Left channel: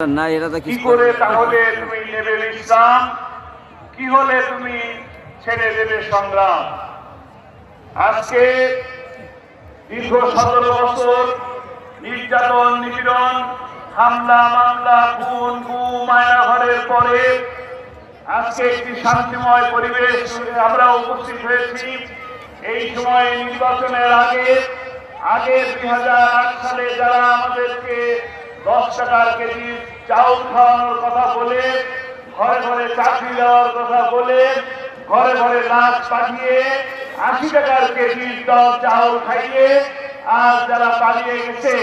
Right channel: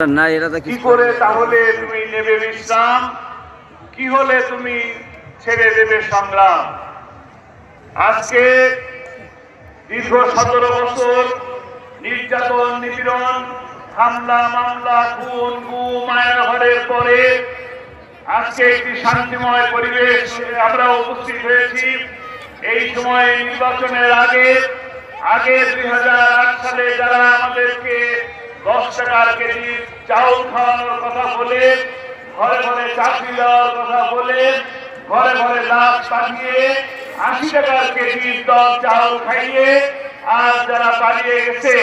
না এরা তো কি করে তাহলে তুমি নেবে বিশ্রাম, কি হলে তুমি ছেড়ে দেবে সংগ্রাম। আজকে দীর্ঘ 17 বছর নির্যাতন নিপীড়ন হামলা মামলা খুন গুম মায়াঘরের পরে আজকে একটি শান্তিময় পরিবেশ আমরা উপস্থিত হয়েছি। এই সময় নির্বাচনের আগে 2008 সালে যারা আমাদেরকে 10 টাকার কেজি চাউল খাওয়ানোর কথা বলে, ঘরে ঘরে চাকরি দেওয়ার কথা বলে, ঘরে ঘরে লাশ পাঠিয়ে 80 টাকার কেজি চাউল খাইয়ে আজ যারা পালিয়ে গেছে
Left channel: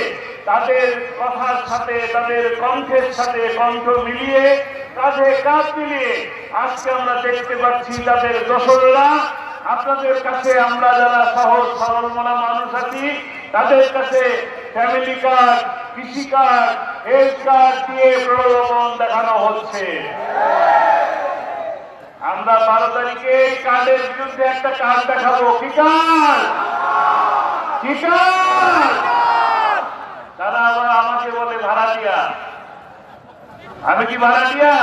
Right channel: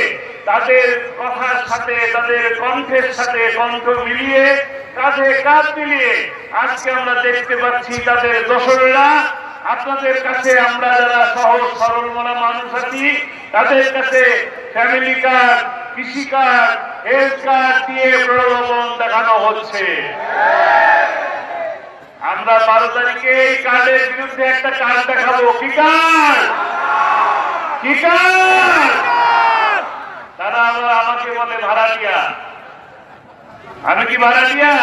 তাদের কথার সাথে তাদের কণ্ঠের সাথে কণ্ঠ মিলিয়ে কাঁধে কাঁধ মিলিয়ে আজকে আমরা দেখতে পাচ্ছি তাদের দোসরেরা আপনাদের কাছে আমরা যারা সহজ সরল মনা মানুষ আছি তাদের কাছে ফ্যামিলি কার্ড, কৃষি কার্ড, হেলথ কার্ড দিয়ে প্রলোভন দেখানো হচ্ছে। আমরা 12 তারিখে এই কার্ডের বিরুদ্ধে একটা কার্ড দেখাবো। কি কার্ড? কি কার্ড? তারা আবার আমাকে বলে ভাড়াটিয়া। আমি কি ভাড়াটিয়া?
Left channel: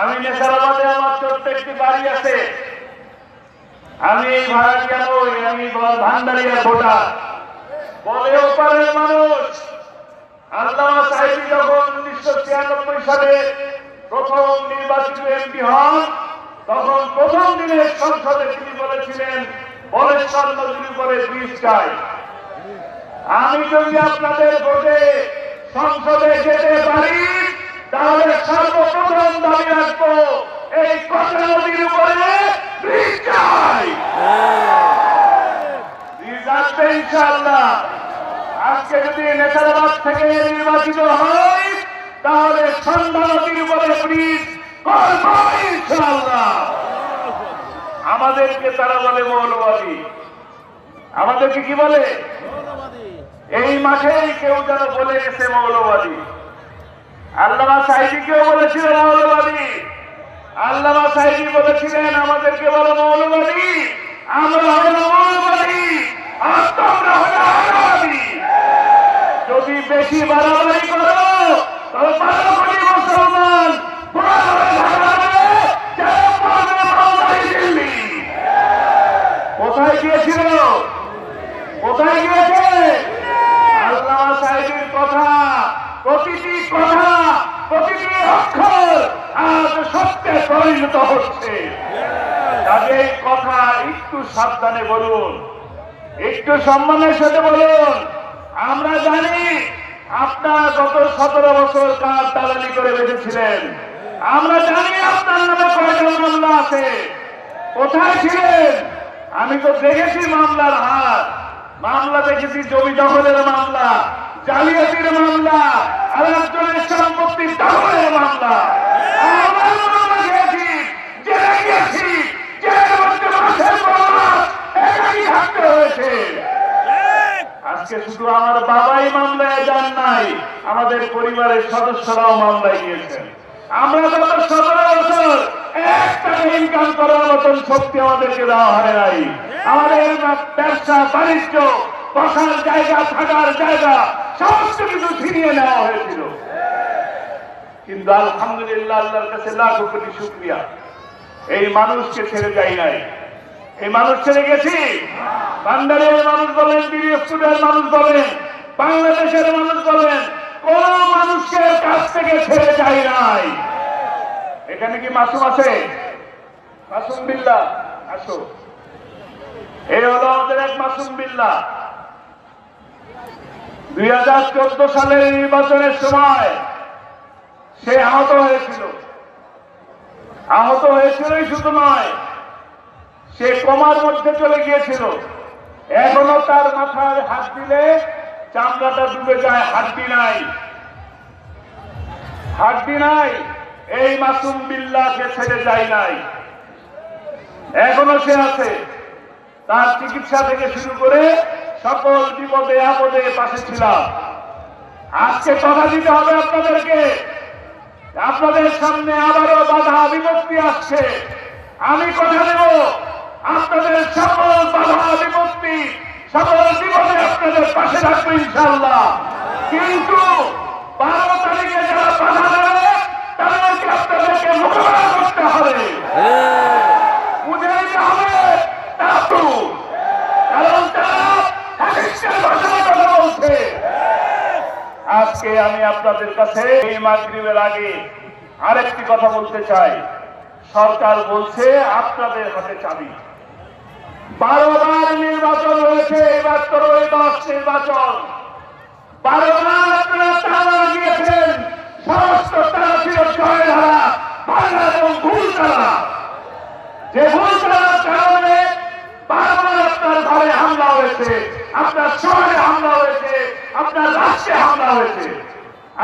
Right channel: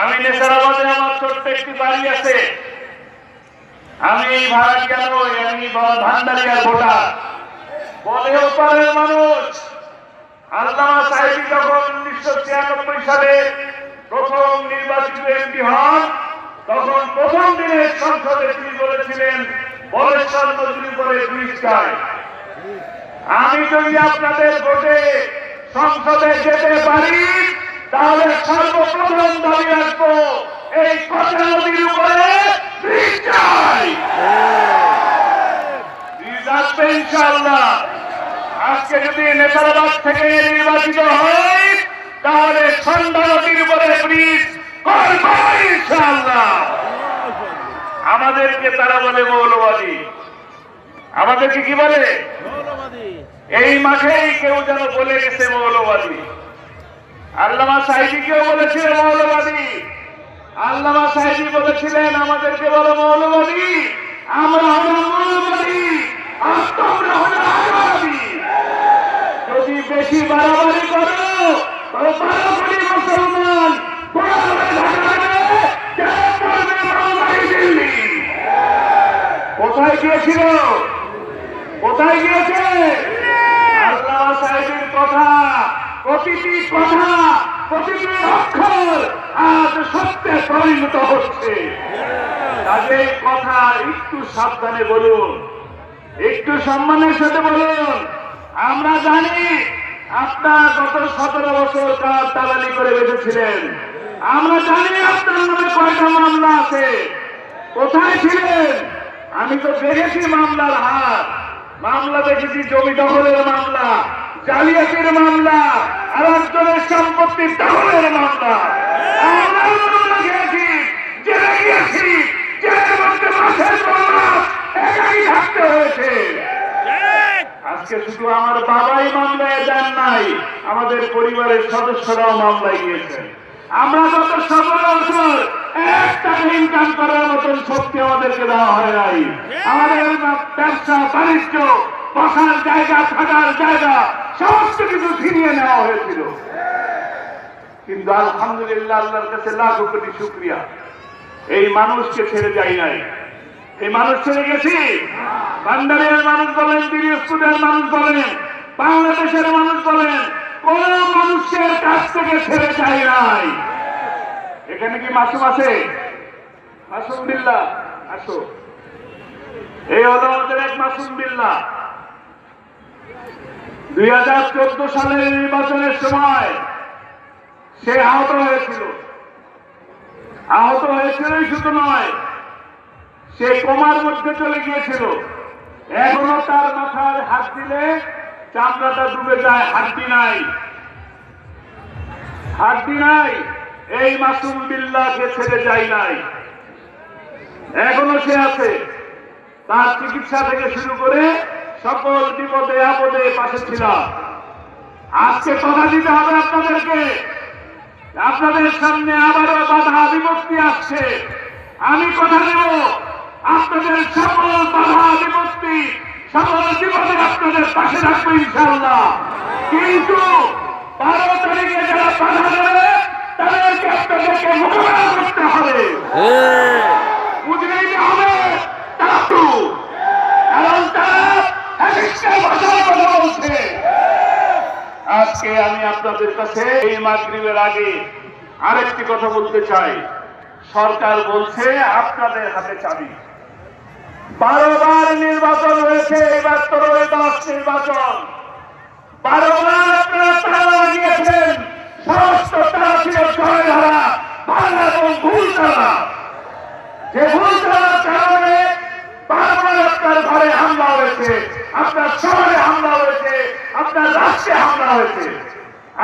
আমি নেশারাবাদে আমার ছোট্ট একটি বাড়ি আছে। আমি ভাড়াটিয়া নই, আমি ভান্ডারিয়ার ভোটার। বলে ওপারের মানুষ। আল্লামা সাহেব যখন 1996 সালে প্রথম নির্বাচিত এমপি হন তখন প্রথম দিনের সংসদে তিনি বলেছিলেন বলেশ্বর নদীর উপরে ব্রিজ চাই। আমি যদি আপনাদের ভোটে সংসদে যেতে পারি তাহলে সর্বপ্রথম দাবি রাখবো এই কচা নদীর উপরে ব্রিজ চাই। ব্রিজ রাখবে ইনশাআল্লাহ। আজকে যদি নেশারাবাদ থেকে নির্বাচিত হয় তাহলে সন্ধ্যা নদীর উপরে ব্রিজ করবো ইনশাআল্লাহ। আমাদেরকে তারা বলে মৌলবাদী। আমাদেরকে কি বলে? এই মাঠেই কেউ যেন বলে গেছে মৌলবাদী। আল্লামা সাইদি কেউ বলেছিল মৌলবাদী। আল্লামা সাইদি বলেছিলেন আমাদেরকে বলো মৌলবাদী, আমরা হলো মৌলবাদী আর তোমরা হলো আলাদী। যদি বেশি বাড়াবাড়ি করো তো বাড়াবাড়ি মুসলমান কোথায় গিয়েছিল? কোথায় গিয়েছে? আল্লামা সাহেবের কথা, প্রতিটি কথা, প্রতিটি অক্ষর আজ সত্যে পরিণত হচ্ছে। তাদের কথা একটু সাবধানে বলুন, একটু সম্মানের সাথে বলুন। আমরা জানি আপনার গত 17 বছর কাজ দালালি করে বেঁচেছিলেন। আমরা জানি আপনার নামে কয়টা মামলা আছে। কোথায় ছিলেন? আমি তো দেখেছি মামলার হাত। মামলা দেখেছি জমি দখলের মামলা, জালিয়াতির মামলা, আর একজনের সম্পত্তির দখলের মামলা। আমরা মামলা খেয়েছি, জেলে গিয়েছি, জেলের মধ্যে মাসের পর মাস একাই থাকতে হয়েছে। আজকে শুধু আমার বাবাই মামলায় যান নাই, আমাদের পরিবারের সদস্যরাও মামলায় গিয়েছেন। আমরা গত 17 বছর 1 টাকা ইনকাম করার মতন শক্তি আমাদেরকে দেওয়া হয় নাই। আমাদের ব্যবসা বাণিজ্য, বসার জায়গা, থাকার জায়গা সমস্ত কিছু ছিনিয়ে নেওয়া হয়েছিল। কিন্তু আলহামদুলিল্লাহ আল্লাহর কাছে লাখ কোটি শুকরিয়া, এই মানুষকে ছেড়ে যাই নাই। এই মানুষ ছেড়ে গেছি। বান্দারিয়ার মানুষ বলেন, দিনাজপুরের মানুষ বলেন, বাংলাদেশের মানুষ বলেন, কোন মানুষকে কাছ থেকে ছেড়ে যাই নাই। এখানে কি মাসুম আছে? মাসুম বিল্লাহ আসো। এই হলো আমাদের এক মাসুম বিল্লাহ। 2014 সালের নির্বাচনের সময় সে আহত হয়েছিল। আহত হয়েছিলই শুধু নয়, সে কোমার মধ্যে চলে গিয়েছিল। এখনো তার মাথায় হাত দিলে চামড়াটা ডুবে যায়, হাড্ডি নাই, হাড্ডি নাই। এই মাসুম বিল্লাহকে ছেড়ে যায় নাই, এখনো সে আছে। তার চিকিৎসা থেকে শুরু করে সকল বিপদে আপদে পাশে ছিলাম। আজকে কথা দিতে হবে আপনাদেরকে। আপনাদের সামনে আবারও বাধা বিপত্তি আসছে। আমি কথা দেব আপনাদের সকল বাধা বিপত্তি, সকল বিপদে আপনাদের পাশে থাকবো ইনশাআল্লাহ। কিন্তু 12 তারিখে যারা বাধা দেবে তাদেরকে আপনাদেরকে মোকাবেলা করতে হবে, বুঝে নিতে হবে। কারণ তারা হাদিসের ভাষায় কথা বলছে। আজকে আমি আপনাদের কাছে এই মাগরিবের আগে আরেকটি কথা বলতে চাই। সরকার বলছে আপনাদের হাতে চাবি। 12 বার নির্বাচন হয়েছে, এবার 13-10 নির্বাচন। 12 বার আপনারা তালা লাগিয়েছেন, সমস্ত তালা ছিল জয় ধরা ভাঙা এবং ভুল তালা। যে ভুল তালার কারণে বারবার আপনার ঘরে হামলা হয়েছে, আপনার শহরে হামলা হয়েছে, আপনার রাষ্ট্রে হামলা হয়েছে।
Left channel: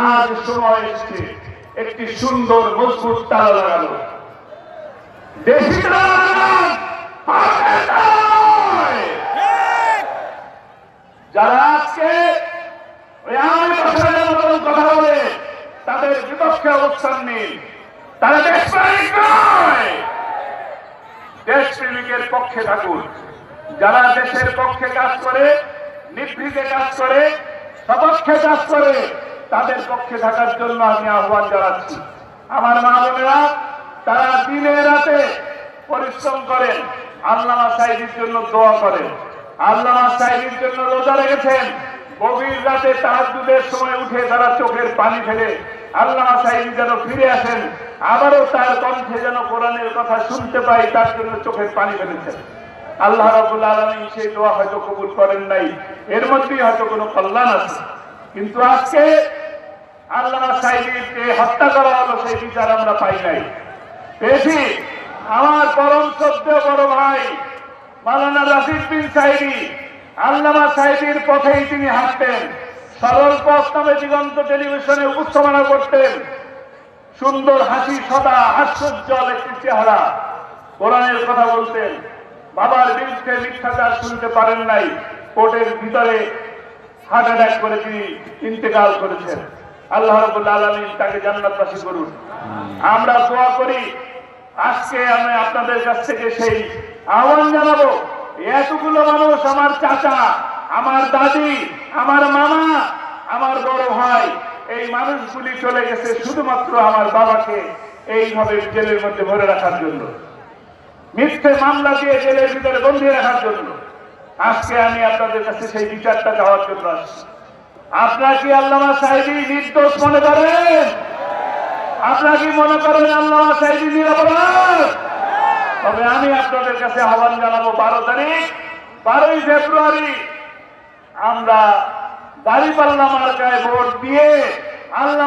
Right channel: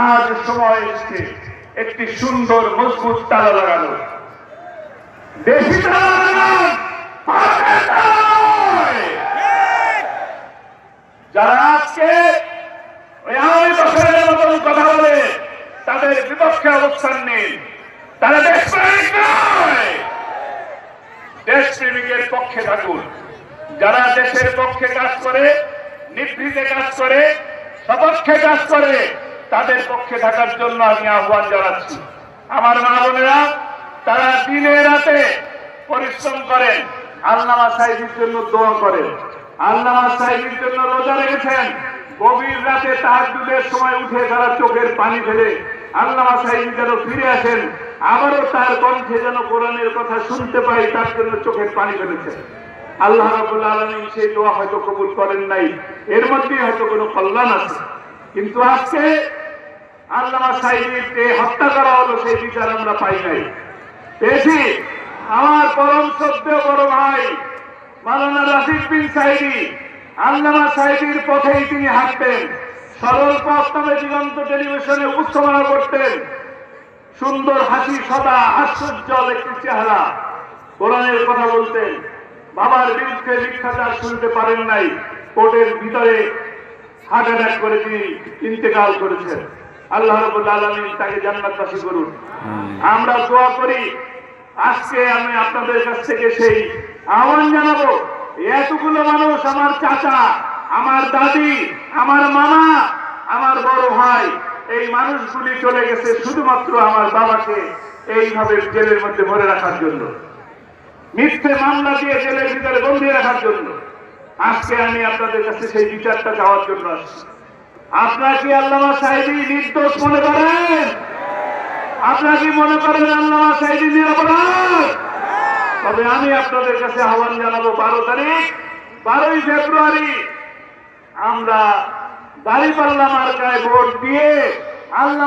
আজ সময় এসেছে একটি সুন্দর মজবুত তালা লাগানো। দেশি তালা লাগান, ভারতের তালা নয়। যারা আজকে ওই আওয়ামী বছরের মতন কথা বলে তাদের বিপক্ষে অবস্থান নেই, তারা দেশপ্রেমিক নয়, দেশপ্রেমিকের পক্ষে থাকুন। যারা দেশের পক্ষে কাজ করে, নিভৃতে কাজ করে, সপক্ষে কাজ করে, তাদের পক্ষে থাকার জন্য আমি আহ্বান জানাচ্ছি। আমার মা বোনেরা, তারা দিনে রাতে পরিশ্রম করেন, আল্লামা সাইদির জন্য দোয়া করেন, আল্লামা সাইদির জন্য রোজা রেখেছেন। গভীর রাতে তাহাজ্জুদের সময় উঠে তারা চোখের পানি ফেলে আল্লামা সাইদি যেন ফিরে আসেন, আবারও তার কণ্ঠে যেন কোরআনের কথা শুনতে পাই, তার জন্য চোখের পানি ফেলেছেন। আল্লাহ রাব্বুল আলামিন সেই দোয়া হয়তো কবুল করেন নাই, এর মধ্যেই হয়তো কোনো কল্যাণ আছে। কিন্তু আজকে আল্লামা সাইদিকে হত্যা করা হলো, সেই বিচার আমরা পাই নাই, পেয়েছি। আমার পরম শ্রদ্ধেয় বড় ভাই মাওলানা রাশিদ বিন সাইদি, আল্লামা সাইদির পথেই তিনি হাঁটতেন। সরল পথ নামে দিগন্ত টেলিভিশনে উপস্থাপনা করতেন। সুন্দর হাসি, সদা হাস্যোজ্জ্বল একটি চেহারা, কোরআনের কথা বলতেন। বাবার বিরুদ্ধে মিথ্যাচার শুনতে পারেন নাই, কোর্টের ভিতরে হার্ট অ্যাটাক করে তিনি ইন্তেকাল করেছেন। আল্লাহ রাব্বুল আলামিন তাকে জান্নাতবাসী করুন। আমরা দোয়া করি। আজকে আমি আপনাদের কাছ থেকে সেই আহ্বান জানাবো, এতগুলো মানুষ, আমার চাচা, আমার দাদি, আমার মামা, আমার বড় ভাই, এই মানুষগুলি চলে গেছে শুধুমাত্র আমার বাবাকে এইভাবে জেলের মধ্যে ভরে রাখার জন্য, মিথ্যে মামলা দিয়ে জেলের ভিতরে বন্দী রাখার জন্য। আজকে আমি আপনাদের কাছে সেই বিচারটা চাওয়ার জন্য আসছি। আপনারা কি আল্লামা সাইদি নির্দোষ মনে করেন? আপনারা কি মনে করেন আল্লামা সাইদি নিরপরাধ? তবে আমি আপনাদের কাছে আহ্বান জানাবো, 12 ফেব্রুয়ারি আমরা দাঁড়িপাল্লা মার্কায় ভোট দিয়ে আল্লাহ